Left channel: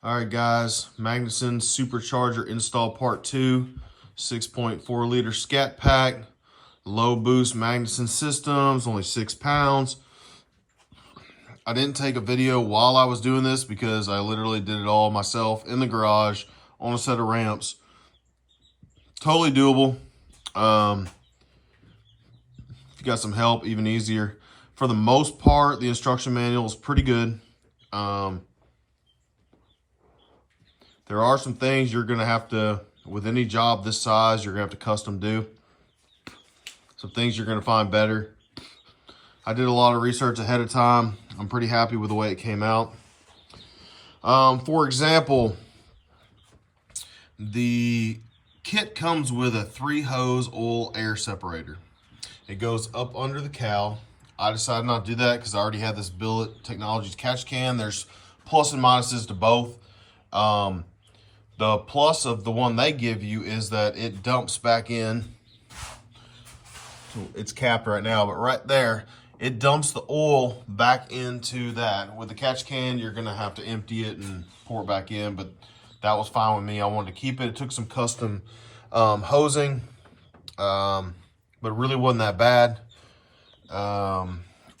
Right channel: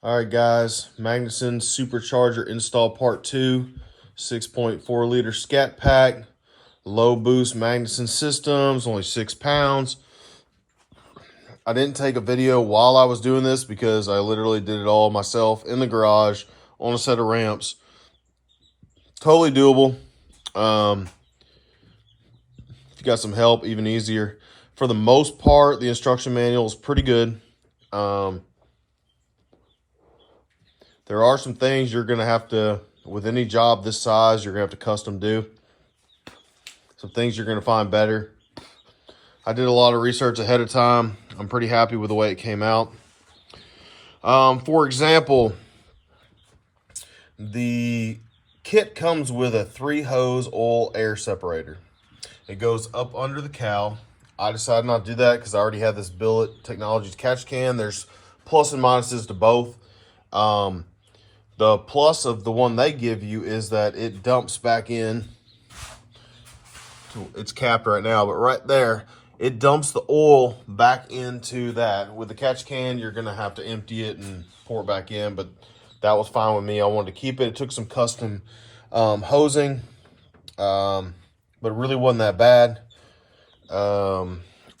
All right, guys, Magnuson supercharger install part 2, 6.4 liter scat pack, low boost Magnuson systems, only 6 pounds. I didn't take a video while I was doing this because I literally did it all myself in the garage on a set of ramps. Totally doable. If you got some help, even easier. For the most part, the instruction manual is pretty good. There are some things you're going to have to, with any job this size, you're going to have to custom do. Some things you're going to find better. I did a lot of research ahead of time. I'm pretty happy with the way it came out. For example, the kit comes with a 3-hose oil air separator. It goes up under the cowl. I decided not to do that because I already had this Billet Technologies catch can. There's plus and minuses to both. The plus of the one they give you is that it dumps back in. It's capped right now, but right there, it dumps the oil back into that. With the catch can, you're gonna have to empty it and pour it back in, but that was fine with me. I wanted to keep it. It took some custom hosing, but it really wasn't that bad.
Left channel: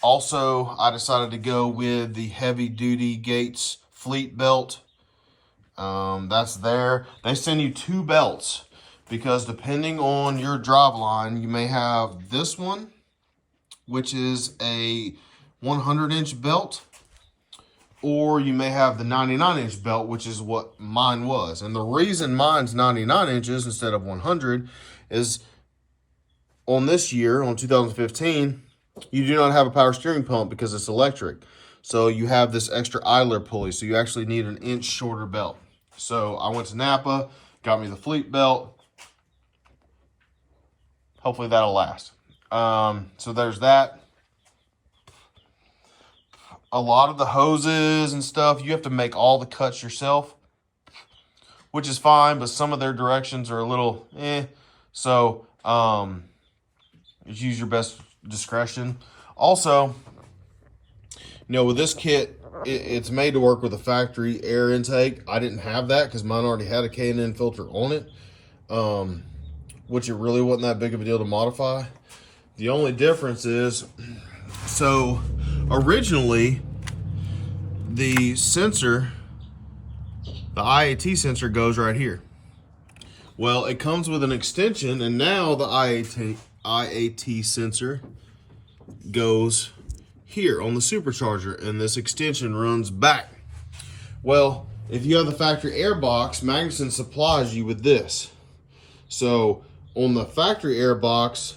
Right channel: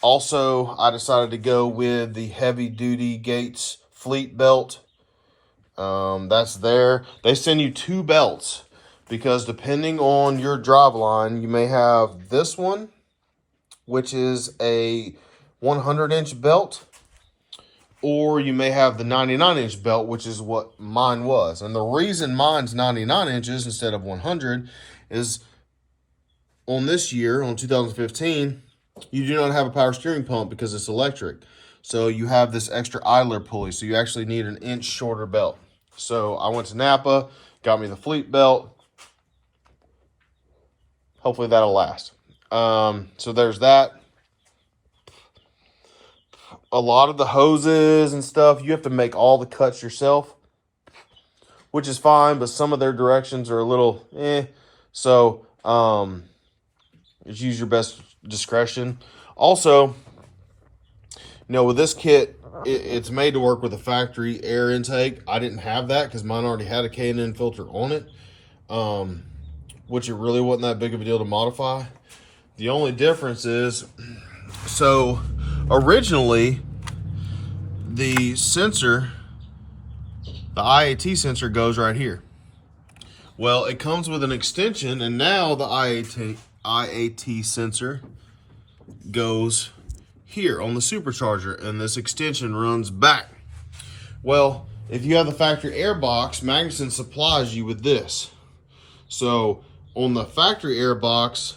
Also, I decided to go with the heavy duty Gates fleet belt. That's there. They send you 2 belts because depending on your drive line, you may have this one, which is a 100-inch belt, or you may have the 99-inch belt, which is what mine was. And the reason mine's 99 inches instead of 100 is on this year, on 2015, you do not have a power steering pump because it's electric. So you have this extra idler pulley. So you actually need an inch shorter belt. So I went to Napa, got me the fleet belt. Hopefully that'll last. So there's that. A lot of the hoses and stuff, you have to make all the cuts yourself, which is fine, but some of their directions are a little So just use your best discretion. Also, with this kit, it's made to work with a factory air intake. I didn't have that because mine already had a K&N filter on it, which it really wasn't that big of a deal to modify. The only difference is, so originally the sensor, the IAT sensor goes right here. Well, it comes with an extension, and now the IAT sensor goes here on the supercharger, and this extension runs back. Well, if you have the factory air box, Magnuson supplies you with this. So on the factory air box,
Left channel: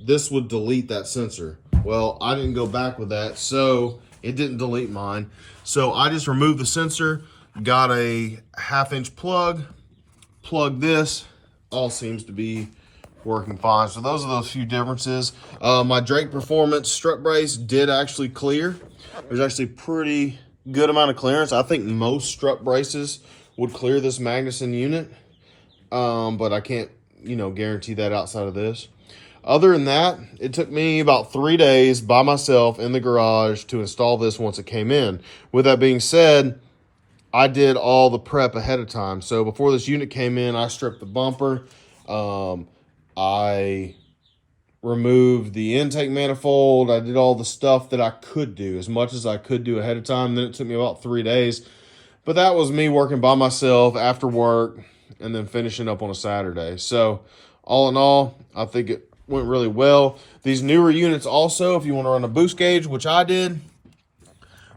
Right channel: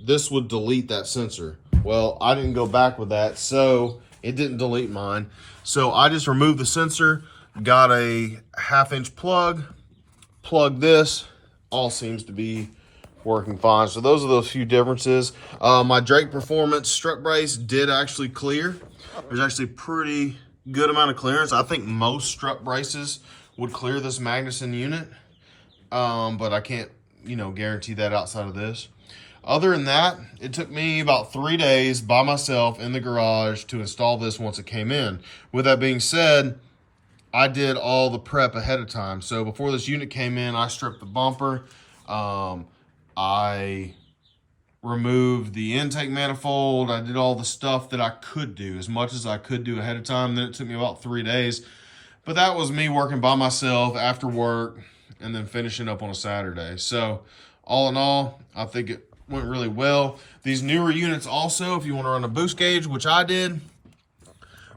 this would delete that sensor. Well, I didn't go back with that, so it didn't delete mine. So I just removed the sensor, got a 1/2-inch plug, plugged this, all seems to be working fine. So those are those few differences. My Drake Performance strut brace did actually clear. There's actually pretty good amount of clearance. I think most strut braces would clear this Magnuson unit, but I can't, guarantee that outside of this. Other than that, it took me about 3 days by myself in the garage to install this once it came in. With that being said, I did all the prep ahead of time. So before this unit came in, I stripped the bumper. I removed the intake manifold. I did all the stuff that I could do, as much as I could do ahead of time. Then it took me about 3 days. But that was me working by myself after work and then finishing up on a Saturday. So all in all, I think it went really well. These newer units also, if you want to run a boost gauge, which I did,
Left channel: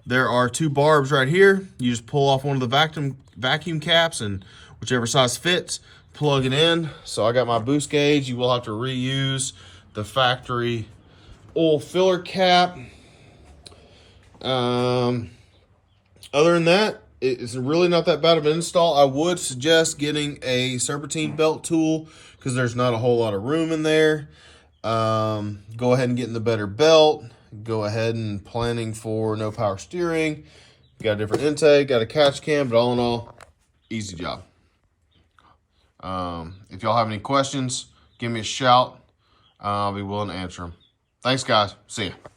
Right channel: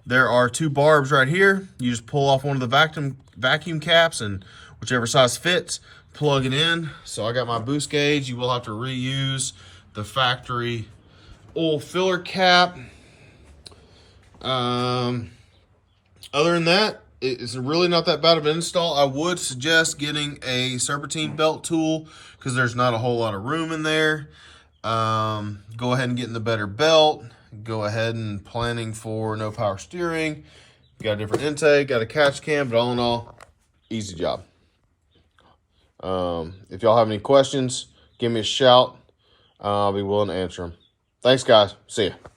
there are 2 barbs right here. You just pull off one of the vacuum caps, and whichever size fits, plug it in. So I got my boost gauge. You will have to reuse the factory oil filler cap. Other than that, it's really not that bad of an install. I would suggest getting a serpentine belt tool because there's not a whole lot of room in there. Go ahead and get in the better belt. Go ahead and planning for no power steering. Got a different intake, got a catch can, but all in all, easy job. If y'all have any questions, give me a shout. I'll be willing to answer them. Thanks, guys. See ya.